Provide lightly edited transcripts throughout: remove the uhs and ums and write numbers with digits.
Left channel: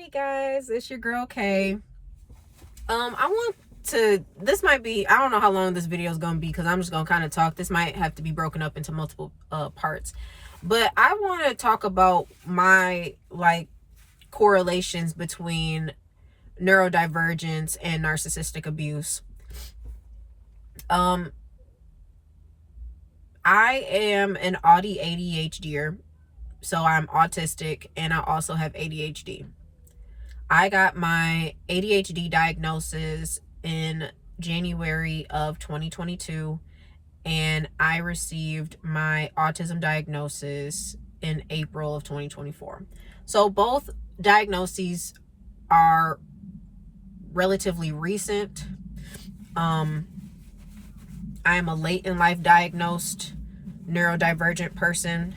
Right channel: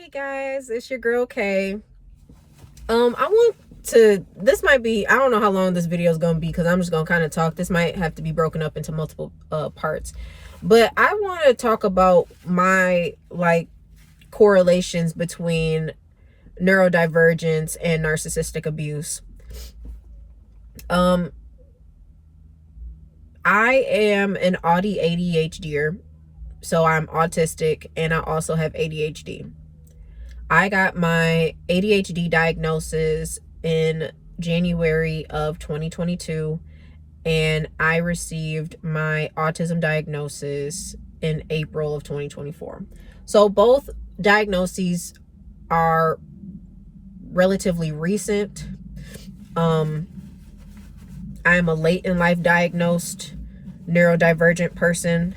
Hey guys, it's your girl Kay. This might be, I don't know how long this video is going to be because I'm just going to kind of talk. This might have to be broken up into multiple parts. But I want to talk about my correlations between neurodivergence and narcissistic abuse. I am an ADHDer, so I'm autistic and I also have ADHD. I got my ADHD diagnosis in January of 2022, and I received my autism diagnosis in April of 2024. So both diagnoses are relatively recent. I am a late in life diagnosed neurodivergent person.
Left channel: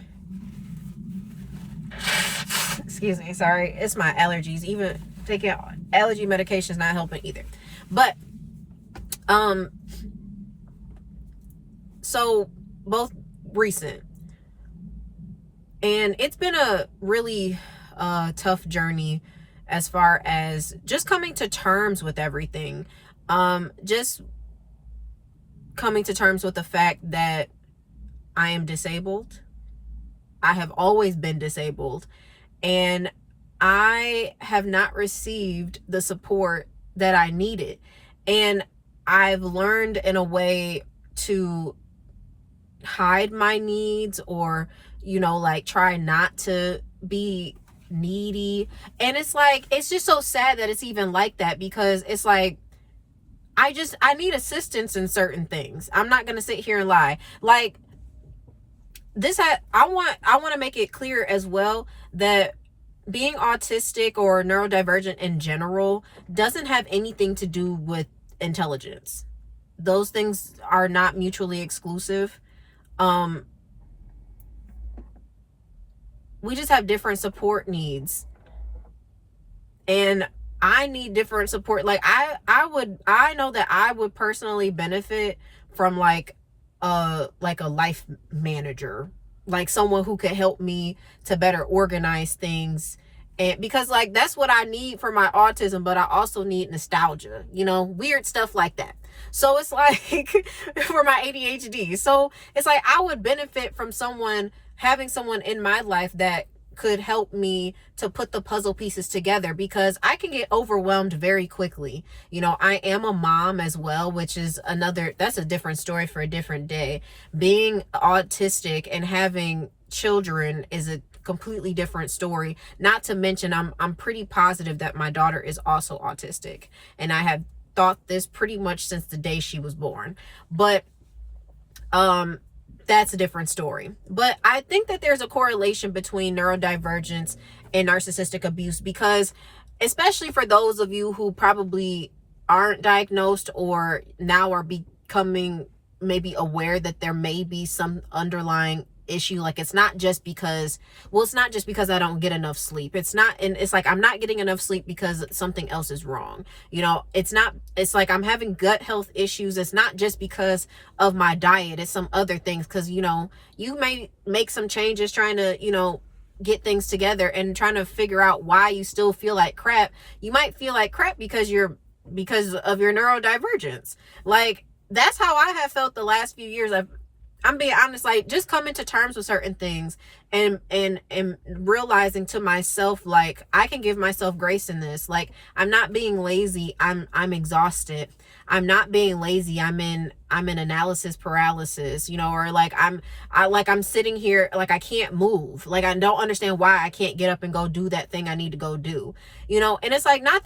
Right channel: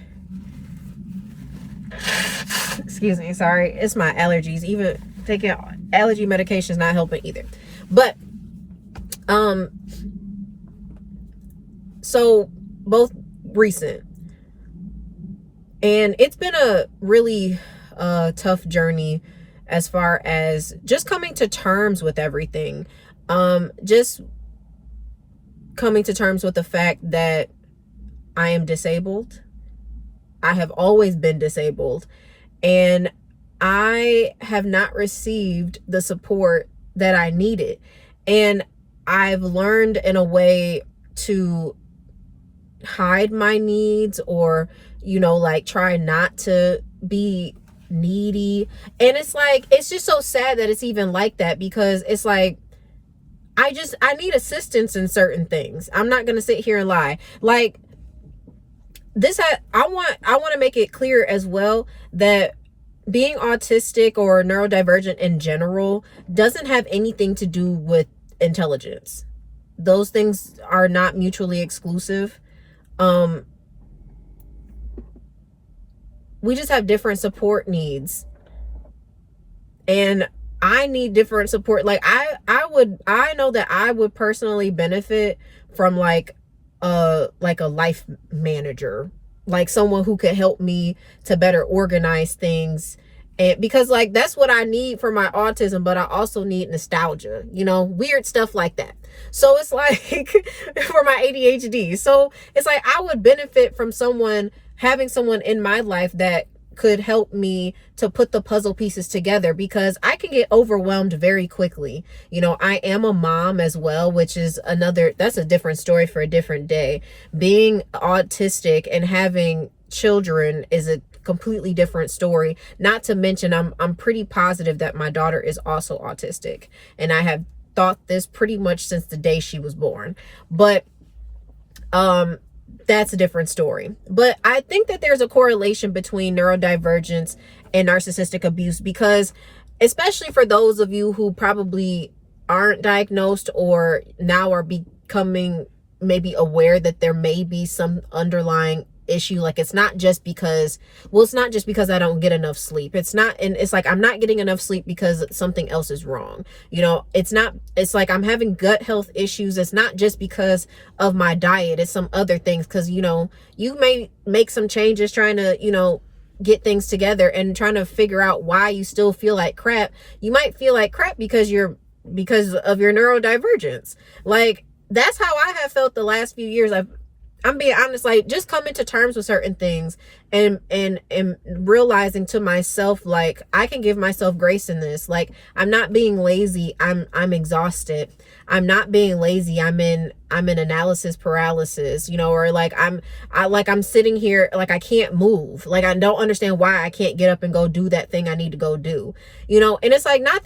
Excuse me, sorry, it's my allergies. Even taking allergy medication is not helping either. But so both recent, and it's been a really tough journey as far as just coming to terms with everything. Just coming to terms with the fact that I am disabled. I have always been disabled, and I have not received the support that I needed. And I've learned in a way to hide my needs, or, try not to be needy. And it's just so sad that it's even like that, because it's like, I need assistance in certain things. I'm not going to sit here and lie. I want to make it clear as well that being autistic or neurodivergent in general doesn't have anything to do with intelligence. Those things are not mutually exclusive. We just have different support needs, and I need different support. I know that I would personally benefit from a life manager, like someone who could help me to better organize things. And because that's what I need for my autism, but I also need nostalgia, weird stuff like that. So it's for my ADHD. So it's I would benefit from having someone in my life that could help me to put the puzzle pieces together, because I can get overwhelmed very quickly. I am a mom as well, which is that's a different story for a different day. Being autistic and having children is a completely different story. Not to mention, I'm pretty positive that my daughter is also autistic, and I have thought this pretty much since the day she was born. But that's a different story. But I think that there's a correlation between neurodivergence and narcissistic abuse, because especially for those of you who probably aren't diagnosed or now are becoming maybe aware that there may be some underlying issue. It's not just because I don't get enough sleep. It's I'm not getting enough sleep because something else is wrong. It's I'm having gut health issues. It's not just because of my diet. It's some other things, because you may make some changes trying to get things together and trying to figure out why you still feel like crap. You might feel like crap because of your neurodivergence. That's how I have felt the last few years. I'm being honest, just coming to terms with certain things and realizing to myself, I can give myself grace in this. I'm not being lazy. I'm exhausted. I'm not being lazy. I'm in analysis paralysis, or I'm sitting here, I can't move. I don't understand why I can't get up and go do that thing I need to go do, and it's not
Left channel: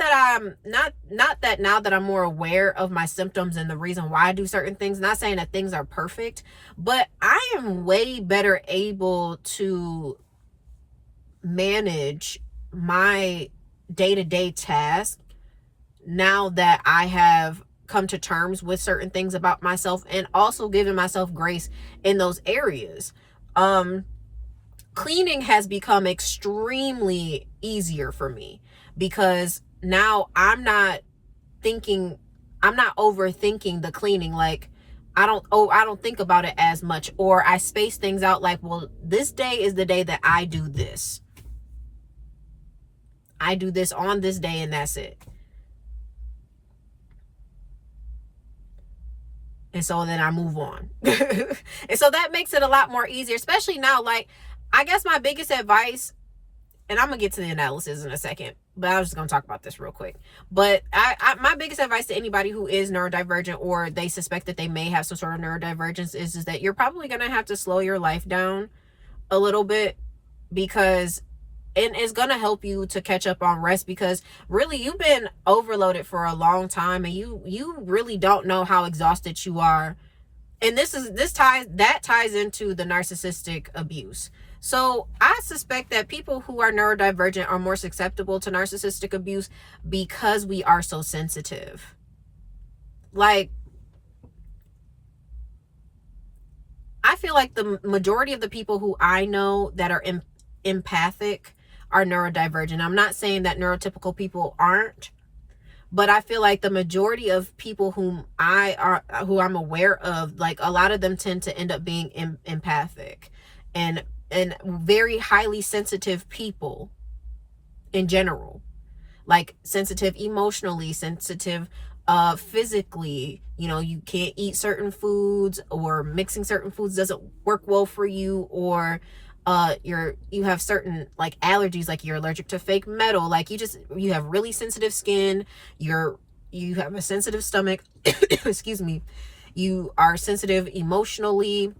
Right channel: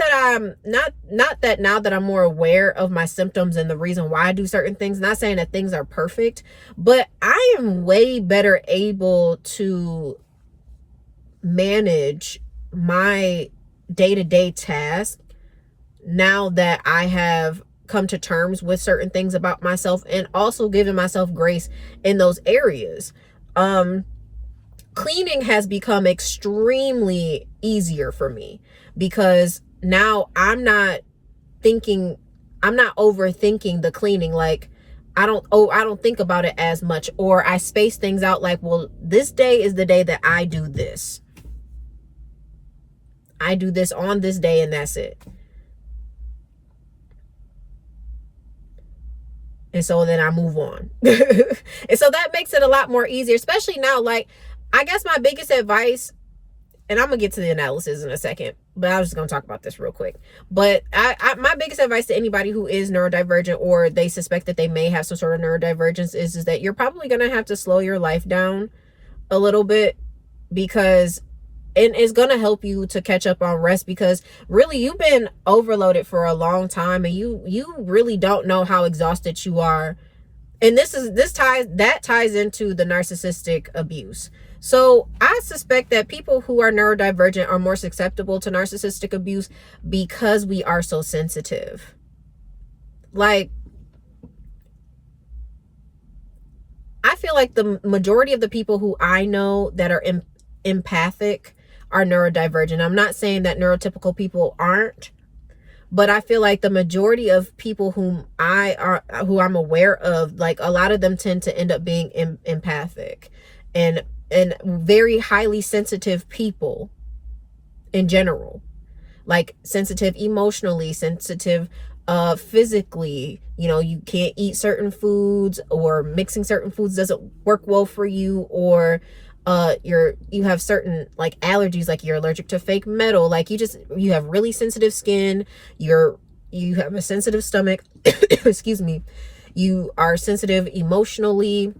that now that I'm more aware of my symptoms and the reason why I do certain things, not saying that things are perfect, but I am way better able to manage my day-to-day task now that I have come to terms with certain things about myself, and also giving myself grace in those areas. Cleaning has become extremely easier for me, because now I'm not overthinking the cleaning. I don't think about it as much, or I space things out well, this day is the day that I do this. I do this on this day and that's it. And so then I move on. And so that makes it a lot more easier, especially now. Like, I guess my biggest advice, and I'm gonna get to the analysis in a second, but I was just gonna talk about this real quick. But my biggest advice to anybody who is neurodivergent, or they suspect that they may have some sort of neurodivergence, is that you're probably gonna have to slow your life down a little bit, because and it's going to help you to catch up on rest, because really you've been overloaded for a long time, and you really don't know how exhausted you are. And that ties into the narcissistic abuse. So I suspect that people who are neurodivergent are more susceptible to narcissistic abuse because we are so sensitive. Like, I feel like the majority of the people who I know that are empathic are neurodivergent. I'm not saying that neurotypical people aren't, but I feel like the majority of people who I'm aware of, like, a lot of them tend to end up being empathic and very highly sensitive people in general. Like, sensitive emotionally, sensitive physically. You know, you can't eat certain foods, or mixing certain foods doesn't work well for you, or you have certain like allergies, like you're allergic to fake metal, like you have really sensitive skin, you have a sensitive stomach, excuse me, you are sensitive emotionally,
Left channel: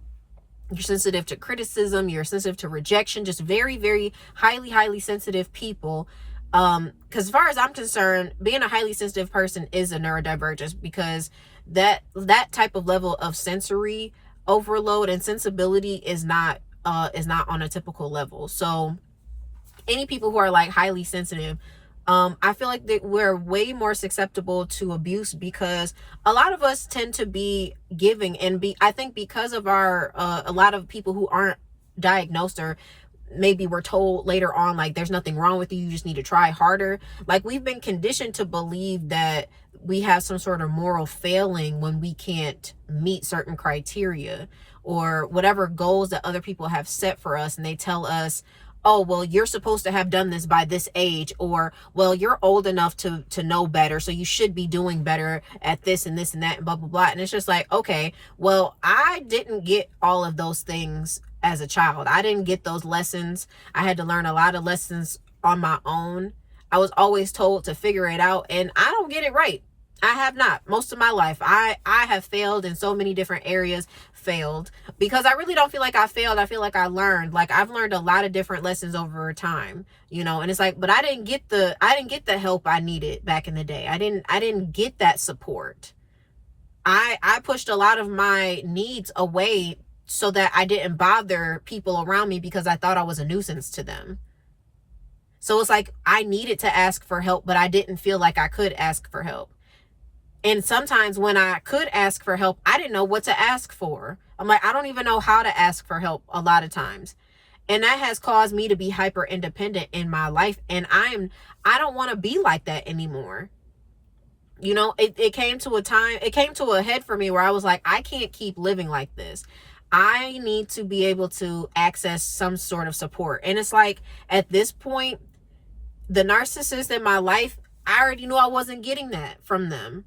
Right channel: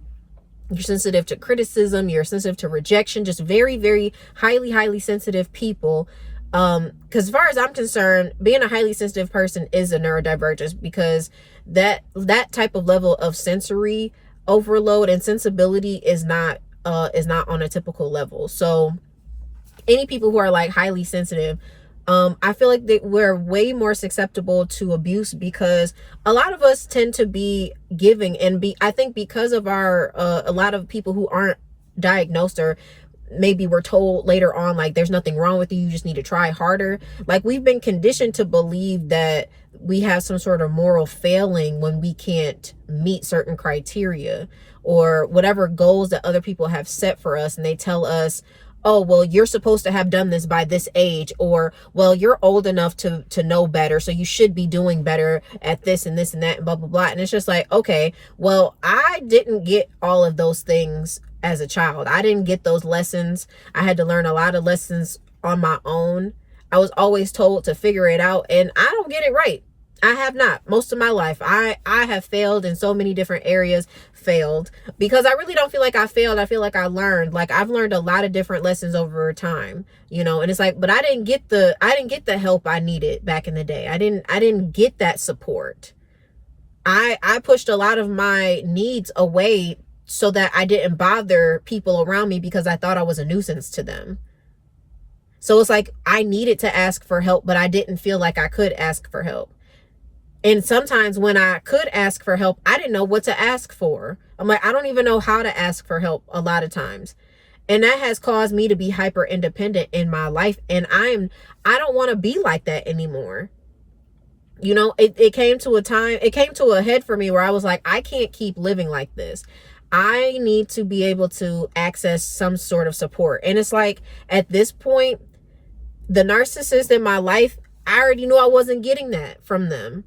you're sensitive to criticism, you're sensitive to rejection, just very, very highly sensitive people. Because as far as I'm concerned, being a highly sensitive person is a neurodivergence, because that type of level of sensory overload and sensibility is not on a typical level. So any people who are like highly sensitive, I feel like that we're way more susceptible to abuse, because a lot of us tend to be giving, and I think because of our a lot of people who aren't diagnosed, or maybe we're told later on, like, there's nothing wrong with you, you just need to try harder. Like, we've been conditioned to believe that we have some sort of moral failing when we can't meet certain criteria or whatever goals that other people have set for us. And they tell us, oh, well, you're supposed to have done this by this age, or, well, you're old enough to know better, so you should be doing better at this and this and that and blah, blah, blah. And it's just like, okay, well, I didn't get all of those things as a child. I didn't get those lessons. I had to learn a lot of lessons on my own. I was always told to figure it out, and I don't get it right. I have not. Most of my life, I have failed in so many different areas. Failed because I really don't feel like I failed. I feel like I learned. Like, I've learned a lot of different lessons over time, you know. And it's like, but I didn't get the help I needed back in the day. I didn't get that support. I pushed a lot of my needs away so that I didn't bother people around me, because I thought I was a nuisance to them. So it's like I needed to ask for help, but I didn't feel like I could ask for help. And sometimes when I could ask for help, I didn't know what to ask for. I'm like, I don't even know how to ask for help a lot of times. And that has caused me to be hyper independent in my life. And I don't want to be like that anymore. You know, it came to a head for me where I was like, I can't keep living like this. I need to be able to access some sort of support. And it's like, at this point, the narcissist in my life, I already knew I wasn't getting that from them.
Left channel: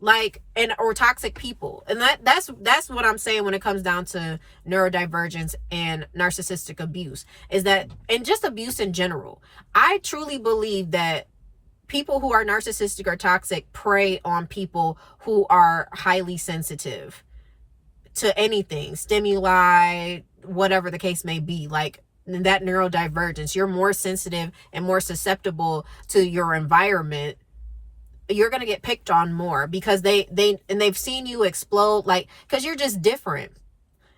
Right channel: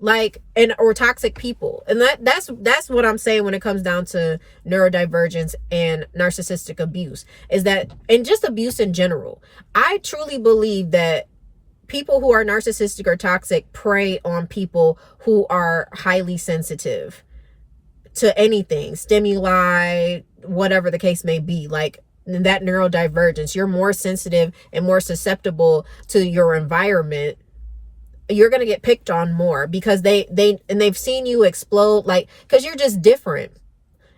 Like, or toxic people. And that's what I'm saying when it comes down to neurodivergence and narcissistic abuse, is that, and just abuse in general. I truly believe that people who are narcissistic or toxic prey on people who are highly sensitive to anything, stimuli, whatever the case may be. Like, that neurodivergence, you're more sensitive and more susceptible to your environment. You're going to get picked on more because they've seen you explode, like, because you're just different.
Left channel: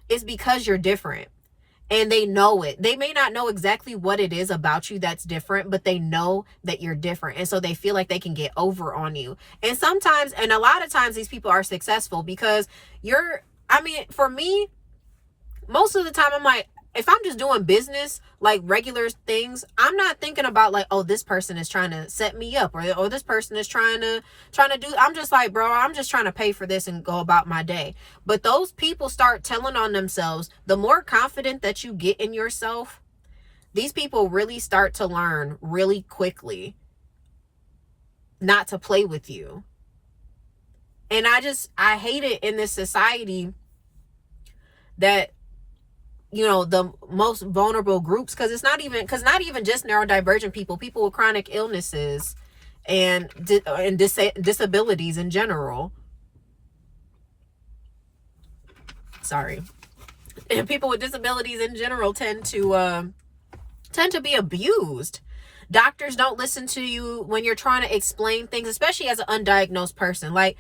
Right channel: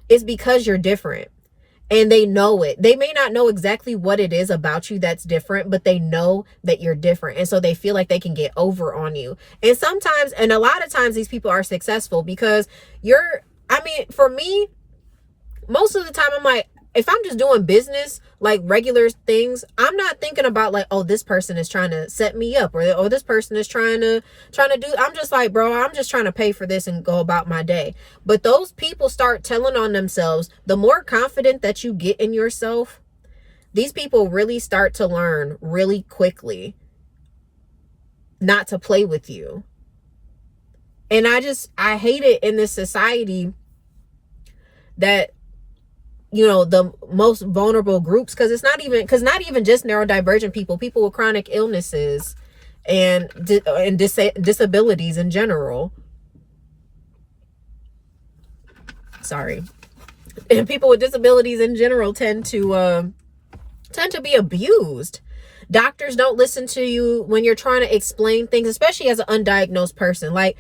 It's because you're different, and they know it. They may not know exactly what it is about you that's different, but they know that you're different. And so they feel like they can get over on you. And sometimes, and a lot of times, these people are successful because for me, most of the time, I'm like, if I'm just doing business, like regular things, I'm not thinking about like, oh, this person is trying to set me up, or this person is trying to do. I'm just like, bro, I'm just trying to pay for this and go about my day. But those people start telling on themselves. The more confident that you get in yourself, these people really start to learn really quickly not to play with you. And I hate it in this society that, the most vulnerable groups, because not even just neurodivergent people with chronic illnesses and disabilities in general. Sorry. And people with disabilities in general tend to be abused. Doctors don't listen to you when you're trying to explain things, especially as an undiagnosed person. Like,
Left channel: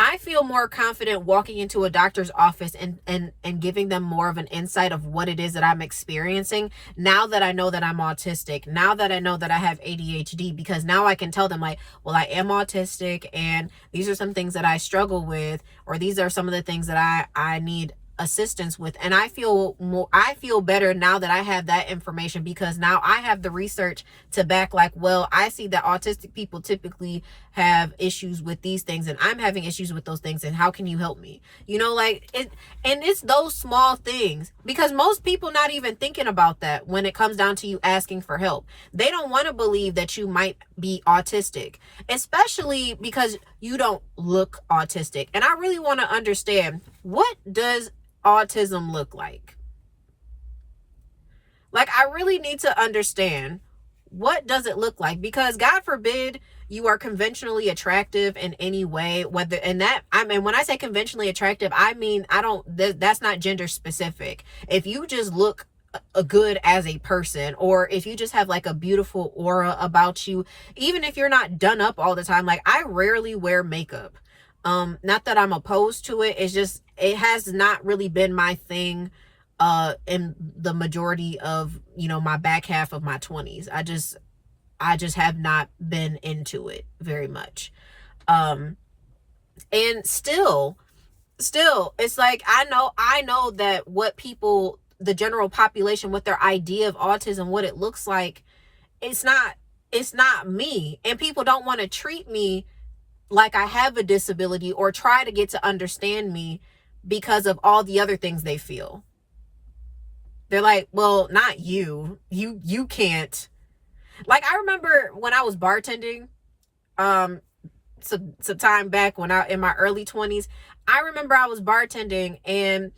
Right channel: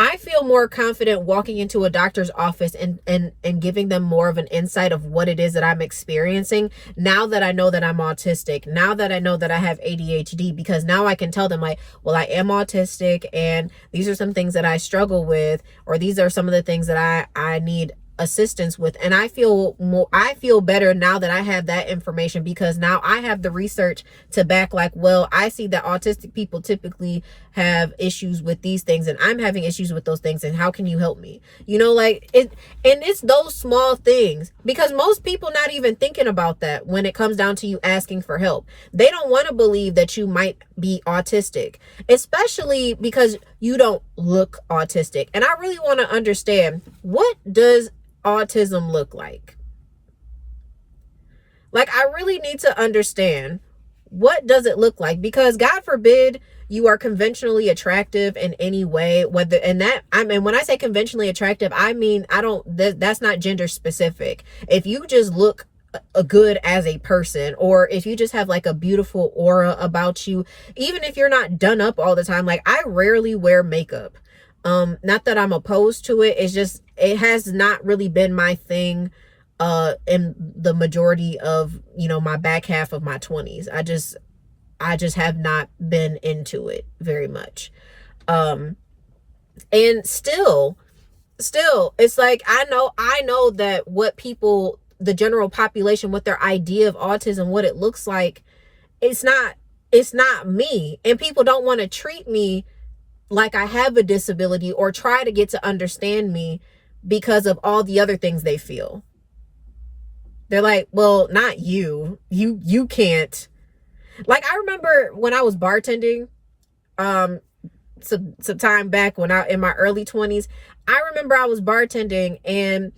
I feel more confident walking into a doctor's office and giving them more of an insight of what it is that I'm experiencing now that I know that I'm autistic, now that I know that I have ADHD, because now I can tell them, like, well, I am autistic and these are some things that I struggle with, or these are some of the things that I need assistance with. And I feel better now that I have that information, because now I have the research to back, like, well, I see that autistic people typically have issues with these things and I'm having issues with those things, and how can you help me? Like it. And it's those small things, because most people not even thinking about that when it comes down to you asking for help. They don't want to believe that you might be autistic, especially because you don't look autistic. And I really want to understand, what does autism look like? Like, I really need to understand, what does it look like? Because God forbid you are conventionally attractive in any way, when I say conventionally attractive, I mean, that's not gender specific. If you just look good as a person, or if you just have like a beautiful aura about you, even if you're not done up all the time. Like, I rarely wear makeup. Not that I'm opposed to it. It's just, it has not really been my thing in the majority of, my back half of my 20s. I just have not been into it very much. And still, it's like, I know that what people, the general population, what their idea of autism, what it looks like, it's not me. And people don't want to treat me like I have a disability, or try to get to understand me because of all the other things they feel. They're like, well, not you. You can't. Like, I remember when I was bartending, some time back when in my early 20s, I remember I was bartending, and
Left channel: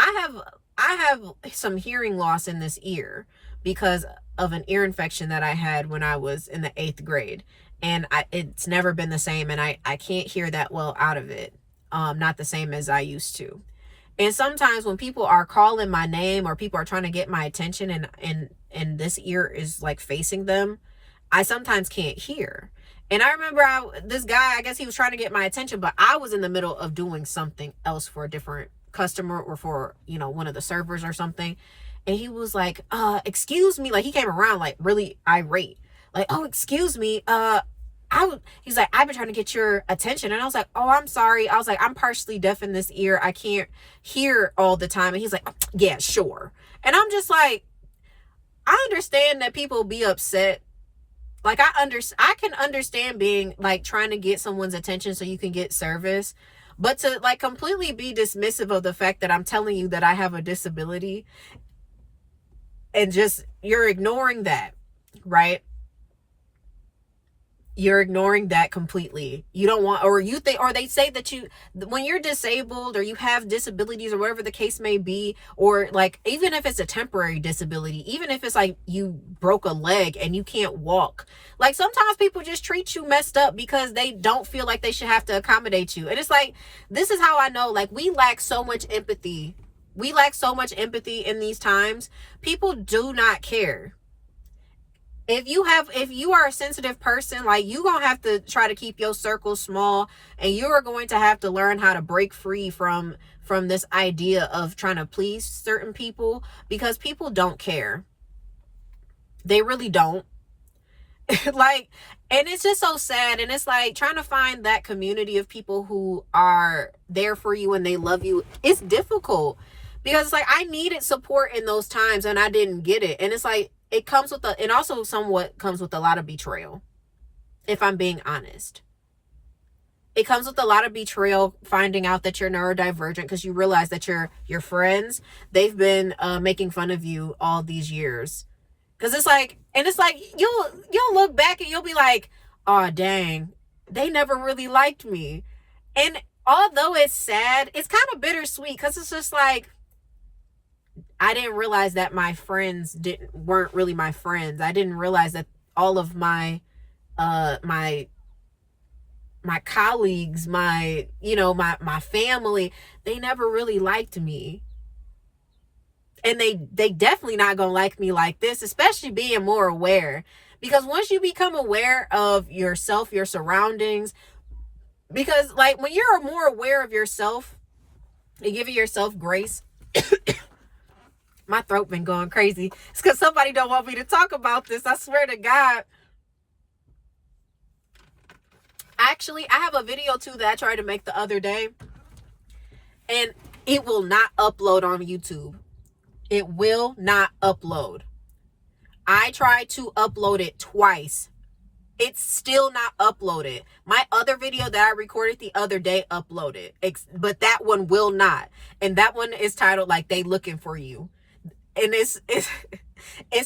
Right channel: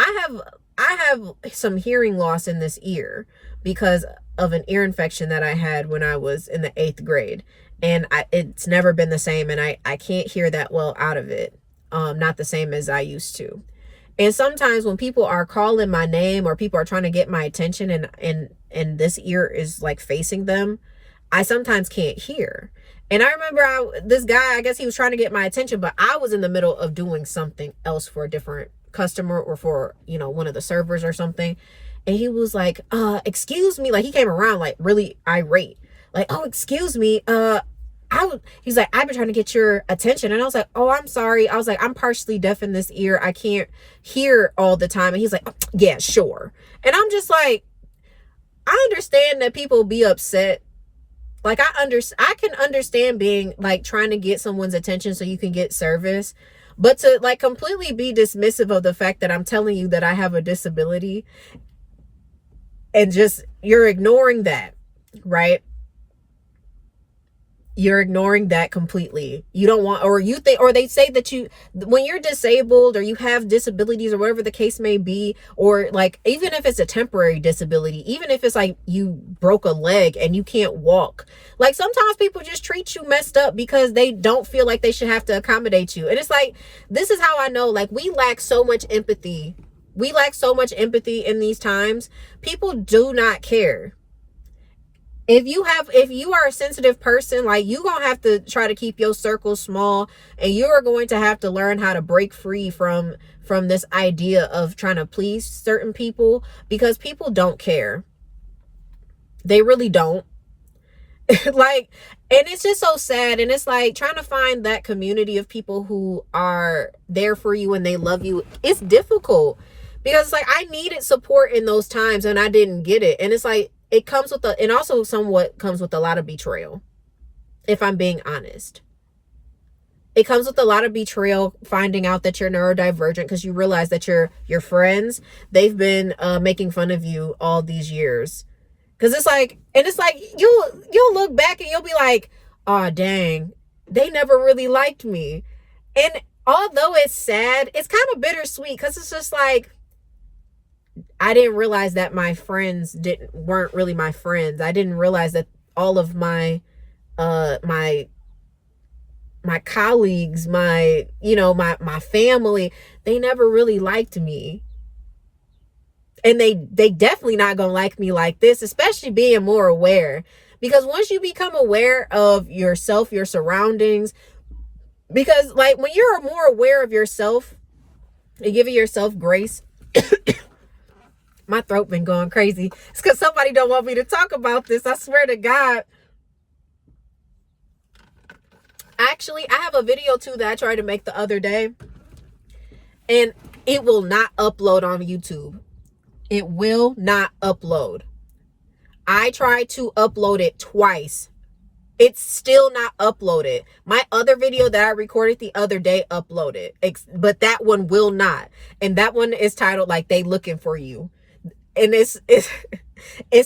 I have some hearing loss in this ear because of an ear infection that I had when I was in the 8th grade. And it's never been the same, and I can't hear that well out of it. Not the same as I used to. And sometimes when people are calling my name, or people are trying to get my attention, and this ear is like facing them, I sometimes can't hear. And I remember this guy, I guess he was trying to get my attention, but I was in the middle of doing something else for a different customer, or for, one of the servers or something. And he was like, excuse me. Like, he came around like really irate. Like, oh, excuse me. He's like, I've been trying to get your attention. And I was like, oh, I'm sorry. I was like, I'm partially deaf in this ear. I can't hear all the time. And he's like, oh, yeah, sure. And I'm just like, I understand that people be upset. Like, I can understand being like trying to get someone's attention so you can get service. But to like completely be dismissive of the fact that I'm telling you that I have a disability, and just, you're ignoring that, right? You're ignoring that completely. You don't want, or you think, or they say that when you're disabled, or you have disabilities, or whatever the case may be, or like, even if it's a temporary disability, even if it's like you broke a leg and you can't walk, like, sometimes people just treat you messed up because they don't feel like they should have to accommodate you. And it's like, this is how I know, like, we lack so much empathy. We lack so much empathy in these times. People do not care. If you are a sensitive person, like, you gonna have to try to keep your circle small, and you are going to have to learn how to break free from this idea of trying to please certain people, because people don't care. They really don't. Like, and it's just so sad. And it's like, trying to find that community of people who are there for you and they love you, it's difficult, because it's like, I needed support in those times and I didn't get it. And it's like, it comes with and also somewhat comes with a lot of betrayal, if I'm being honest. It comes with a lot of betrayal, finding out that you're neurodivergent, because you realize that your friends, they've been making fun of you all these years. Because it's like, and it's like, you'll look back and you'll be like, oh, dang, they never really liked me. And although it's sad, it's kind of bittersweet, because it's just like, I didn't realize that my friends weren't really my friends. I didn't realize that all of my my colleagues, my family, they never really liked me. And they definitely not gonna like me like this, especially being more aware. Because once you become aware of yourself, your surroundings, because like when you're more aware of yourself and giving yourself grace, my throat been going crazy. It's because somebody don't want me to talk about this. I swear to God. Actually, I have a video too that I tried to make the other day, and it will not upload on YouTube. It will not upload. I tried to upload it twice. It's still not uploaded. My other video that I recorded the other day uploaded, but that one will not. And that one is titled like "They Looking for You." And it's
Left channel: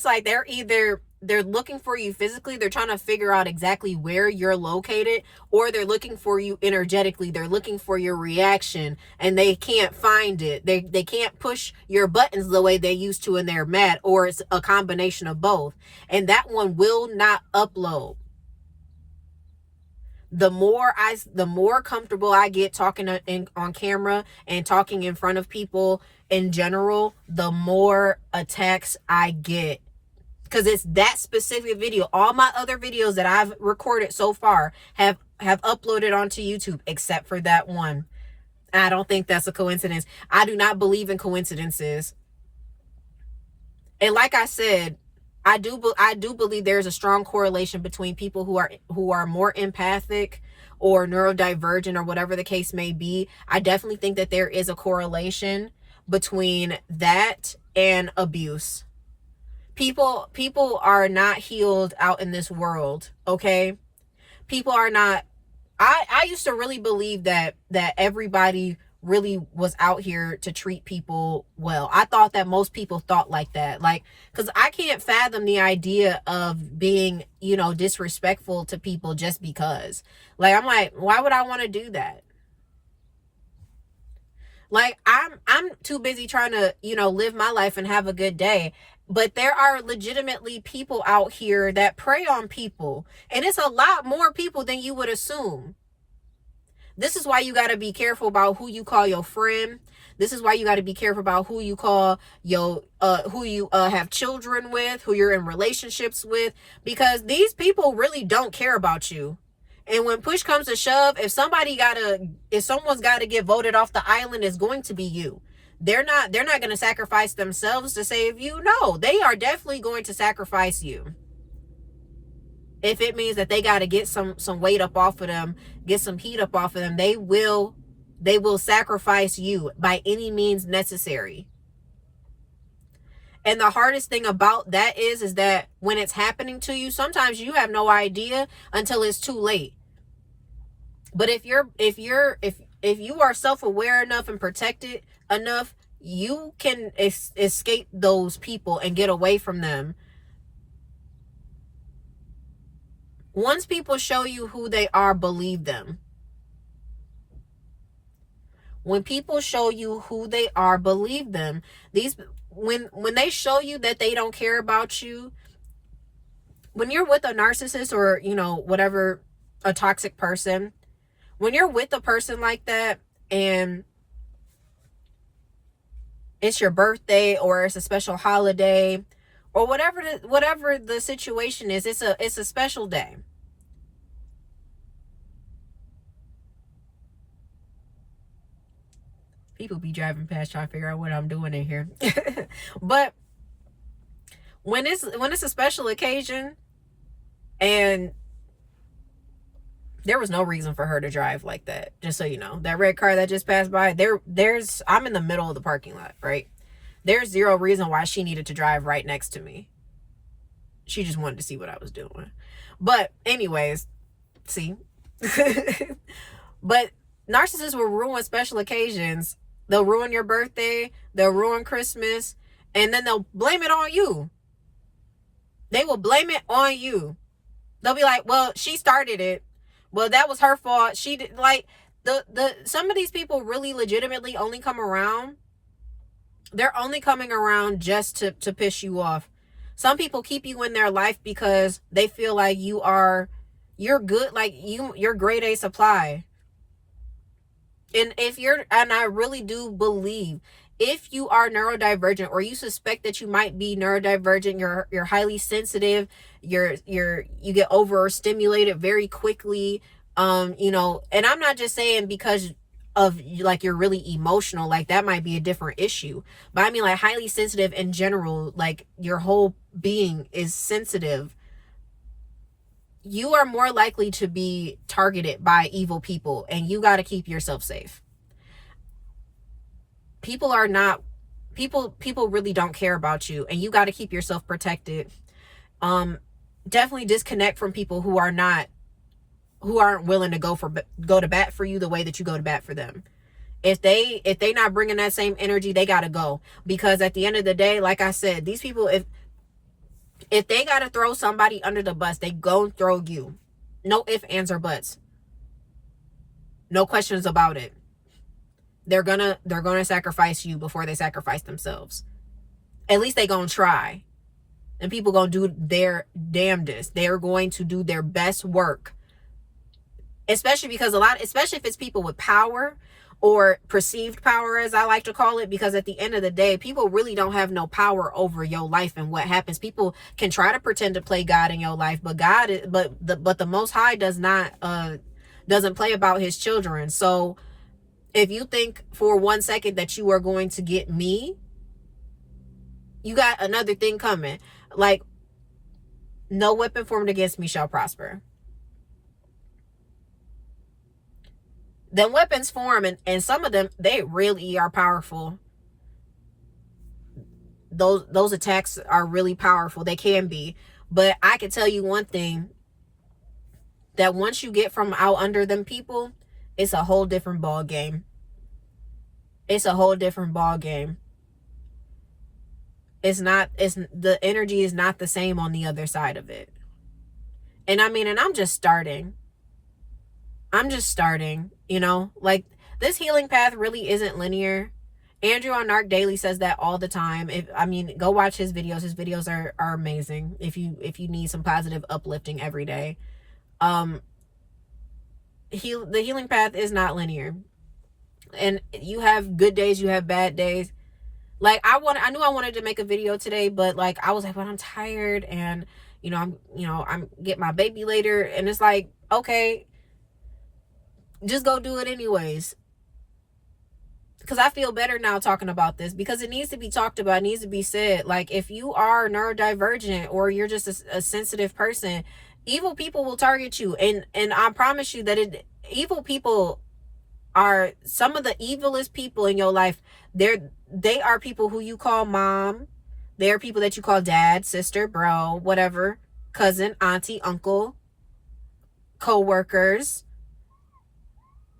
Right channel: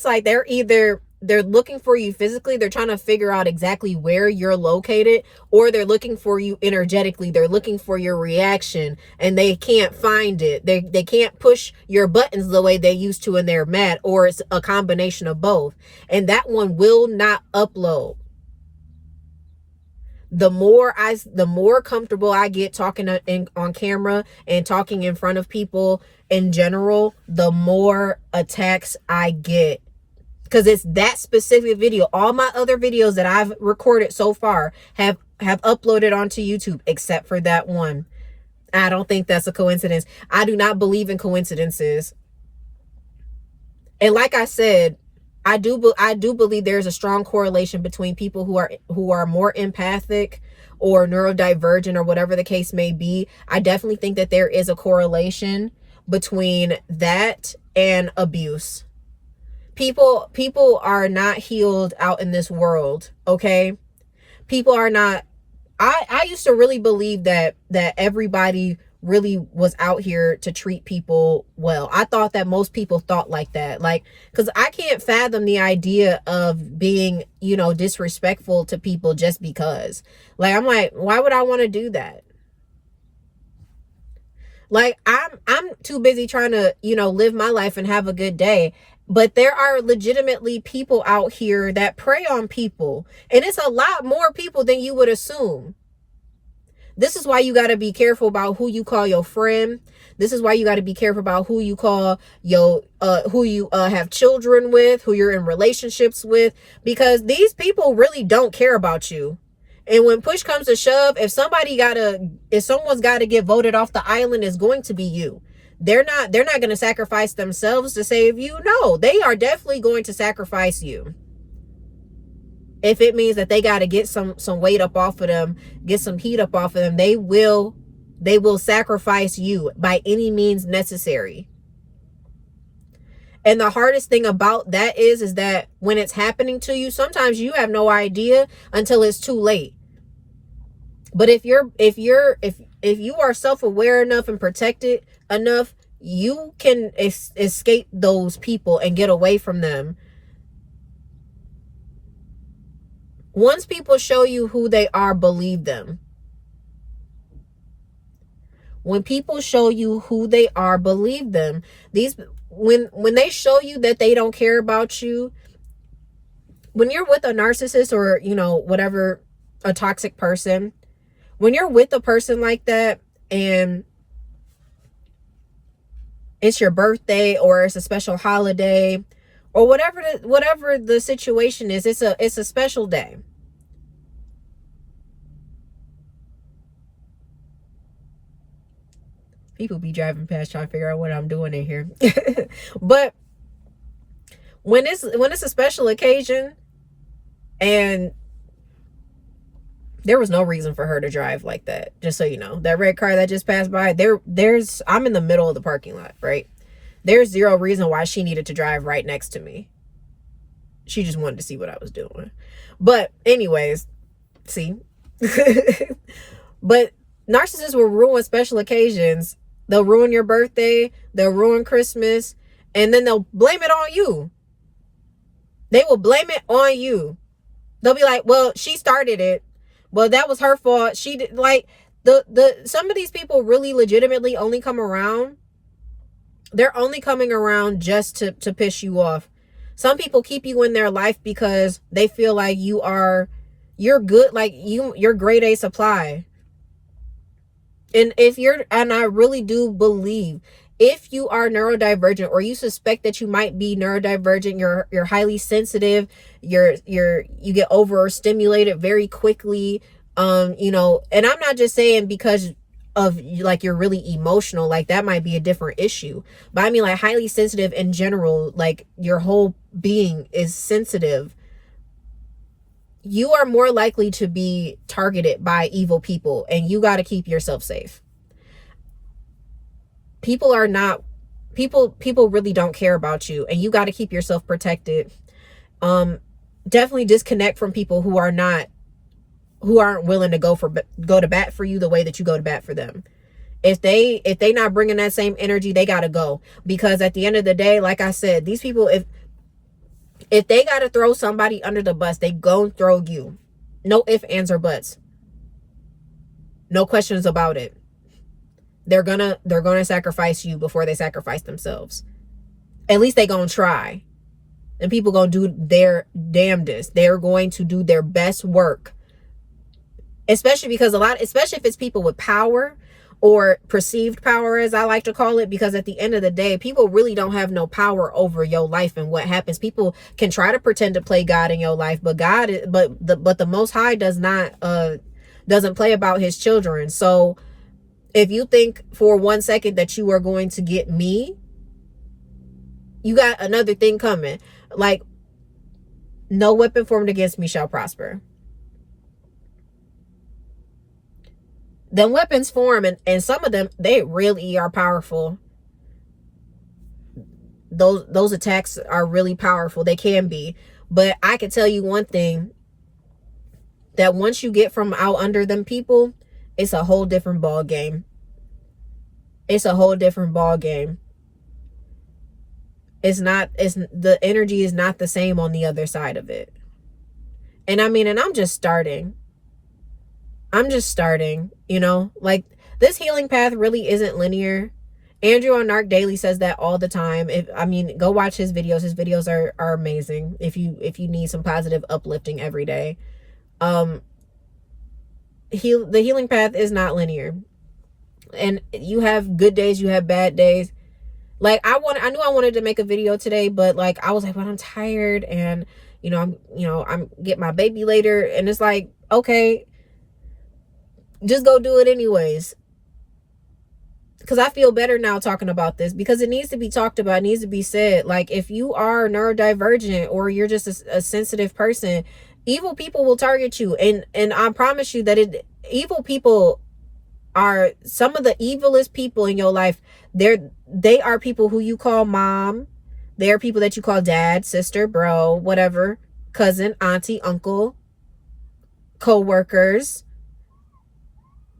like they're looking for you physically. They're trying to figure out exactly where you're located, or they're looking for you energetically. They're looking for your reaction, and they can't find it. They can't push your buttons the way they used to, and they're mad, or it's a combination of both. And that one will not upload. The more comfortable I get talking on camera and talking in front of people in general, the more attacks I get. Because it's that specific video. All my other videos that I've recorded so far have uploaded onto YouTube, except for that one. I don't think that's a coincidence. I do not believe in coincidences. And like I said, I do believe there's a strong correlation between people who are more empathic or neurodivergent or whatever the case may be. I definitely think that there is a correlation between that and abuse. People are not healed out in this world, okay? People are not. I used to really believe that everybody really was out here to treat people well. I thought that most people thought like that. Like, because I can't fathom the idea of being, disrespectful to people just because. Like, I'm like, why would I want to do that? Like, I'm too busy trying to, live my life and have a good day. But there are legitimately people out here that prey on people. And it's a lot more people than you would assume. This is why you got to be careful about who you call your friend. This is why you got to be careful about who you call who you have children with, who you're in relationships with, because these people really don't care about you. And when push comes to shove, if someone's got to get voted off the island, it's going to be you. They're not going to sacrifice themselves to save you. No, they are definitely going to sacrifice you. If it means that they got to get some weight up off of them, get some heat up off of them, they will sacrifice you by any means necessary. And the hardest thing about that is that when it's happening to you, sometimes you have no idea until it's too late. But if you are self-aware enough and protected enough, you can escape those people and get away from them. Once people show you who they are, believe them. When people show you who they are, believe them. When they show you that they don't care about you, when you're with a narcissist or, whatever, a toxic person, when you're with a person like that and it's your birthday or it's a special holiday or whatever the situation is, it's a special day. People be driving past trying to figure out what I'm doing in here. But when it's a special occasion, and there was no reason for her to drive like that, just so you know. That red car that just passed by, I'm in the middle of the parking lot, right? There's zero reason why she needed to drive right next to me. She just wanted to see what I was doing. But anyways, see. But narcissists will ruin special occasions. They'll ruin your birthday. They'll ruin Christmas. And then they'll blame it on you. They will blame it on you. They'll be like, well, she started it. Well, that was her fault. She did, like, some of these people really legitimately only come around. They're only coming around just to piss you off. Some people keep you in their life because they feel like you're good, like you're grade A supply. And I really do believe, if you are neurodivergent, or you suspect that you might be neurodivergent, you're highly sensitive, you get overstimulated very quickly, and I'm not just saying because of, like, you're really emotional, like that might be a different issue, but I mean, like, highly sensitive in general, like your whole being is sensitive. You are more likely to be targeted by evil people, and you got to keep yourself safe. People really don't care about you, and you got to keep yourself protected. Definitely disconnect from people who aren't willing to go to bat for you the way that you go to bat for them. If they not bringing that same energy, they got to go, because at the end of the day, like I said, these people, if they got to throw somebody under the bus, they gon' throw you. No ifs, ands, or buts. No questions about it. They're gonna sacrifice you before they sacrifice themselves. At least they gonna try. And people gonna do their damnedest. They're going to do their best work. Especially if it's people with power, or perceived power, as I like to call it, because at the end of the day, people really don't have no power over your life and what happens. People can try to pretend to play God in your life, but the Most High doesn't play about his children. So if you think for 1 second that you are going to get me, you got another thing coming. Like, no weapon formed against me shall prosper. Then weapons form, and some of them, they really are powerful. Those attacks are really powerful. They can be. But I can tell you one thing, that once you get from out under them people, it's a whole different ball game. It's a whole different ball game. The energy is not the same on the other side of it. And I mean, and I'm just starting, like, this healing path really isn't linear. Andrew on Narc Daily says that all the time. Go watch his videos. His videos are amazing if you need some positive uplifting every day. The healing path is not linear, and you have good days, you have bad days. Like, I knew I wanted to make a video today, but like, I was like, but I'm tired, and I'm get my baby later, and it's like, okay, just go do it anyways. Because I feel better now talking about this, because it needs to be talked about, it needs to be said. Like, if you are neurodivergent, or you're just a sensitive person, evil people will target you. And I promise you that evil people are some of the evilest people in your life. They are people who you call mom. They are people that you call dad, sister, bro, whatever, cousin, auntie, uncle, co-workers,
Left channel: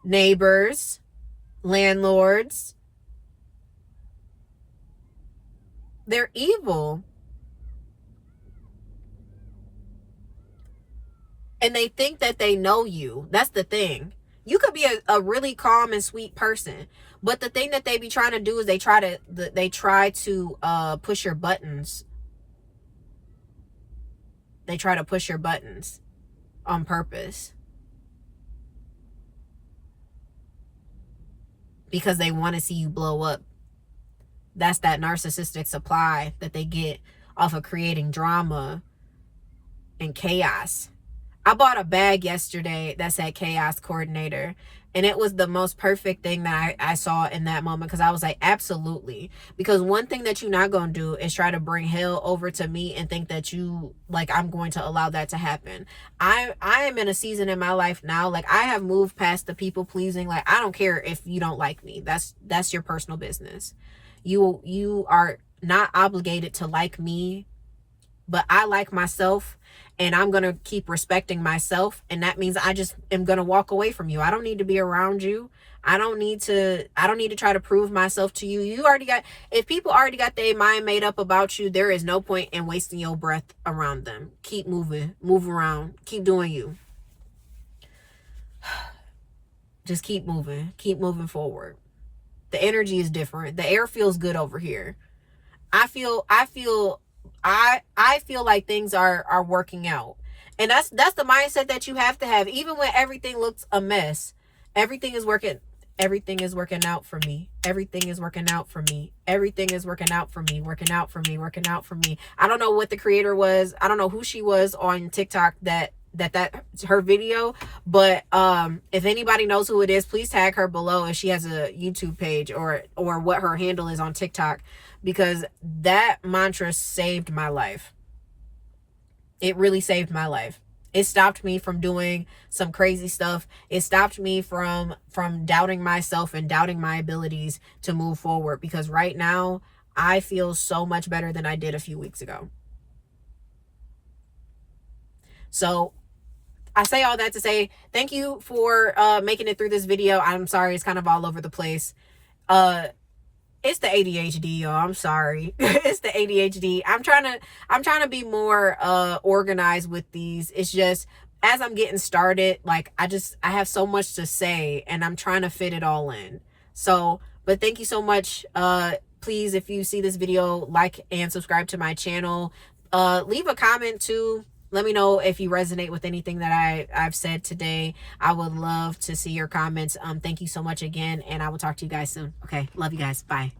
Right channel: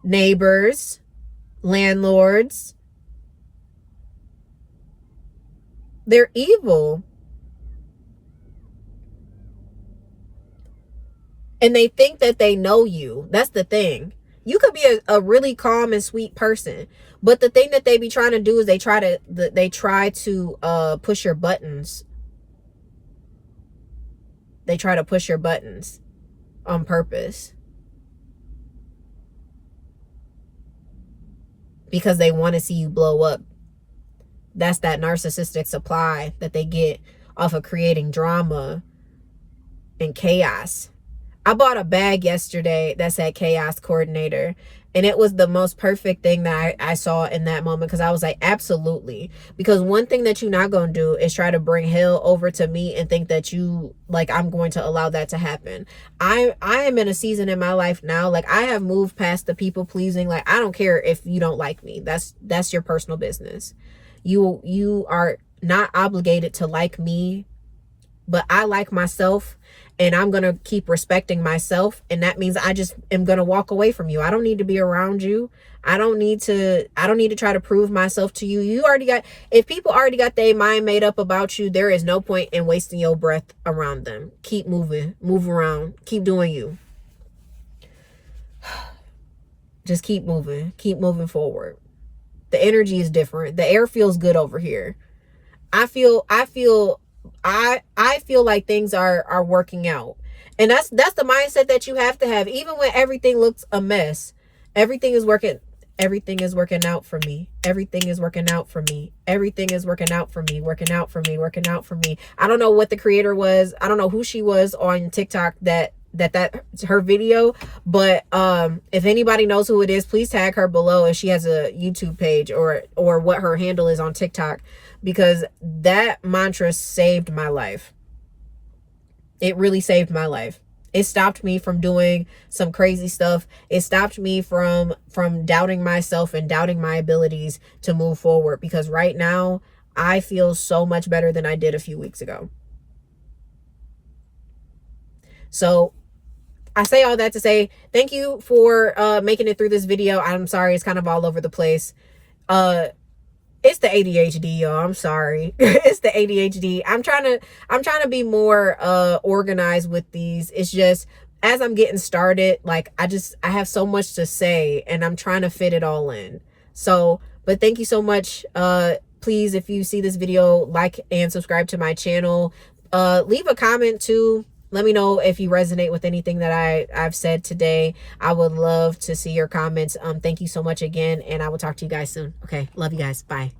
neighbors, landlords. They're evil. And they think that they know you. That's the thing. You could be a really calm and sweet person, but the thing that they be trying to do is they try to push your buttons. They try to push your buttons on purpose, because they want to see you blow up. That's that narcissistic supply that they get off of creating drama and chaos. I bought a bag yesterday that said chaos coordinator, and it was the most perfect thing that I saw in that moment, because I was like, absolutely. Because one thing that you're not going to do is try to bring hell over to me and think that I'm going to allow that to happen. I am in a season in my life now, like, I have moved past the people pleasing. Like, I don't care if you don't like me. That's your personal business. You are not obligated to like me, but I like myself, and I'm going to keep respecting myself. And that means I just am going to walk away from you. I don't need to be around you. I don't need to try to prove myself to you. If people already got their mind made up about you, there is no point in wasting your breath around them. Keep moving, move around, keep doing you. Just keep moving forward. The energy is different. The air feels good over here. I feel like things are working out. And that's the mindset that you have to have. Even when everything looks a mess, everything is working out for me. Everything is working out for me. Everything is working out for me. Working out for me. Working out for me. I don't know what the creator was. I don't know who she was on TikTok that her video, but if anybody knows who it is, please tag her below if she has a YouTube page or what her handle is on TikTok, because that mantra saved my life. It really saved my life. It stopped me from doing some crazy stuff. It stopped me from doubting myself and doubting my abilities to move forward, because right now I feel so much better than I did a few weeks ago. So I say all that to say thank you for making it through this video. I'm sorry it's kind of all over the place. It's the ADHD, y'all. I'm sorry. It's the ADHD. I'm trying to be more organized with these. It's just as I'm getting started, like I have so much to say and I'm trying to fit it all in. So, but thank you so much. Please, if you see this video, like and subscribe to my channel. Leave a comment too. Let me know if you resonate with anything that I've said today. I would love to see your comments. Thank you so much again, and I will talk to you guys soon. Okay, love you guys. Bye.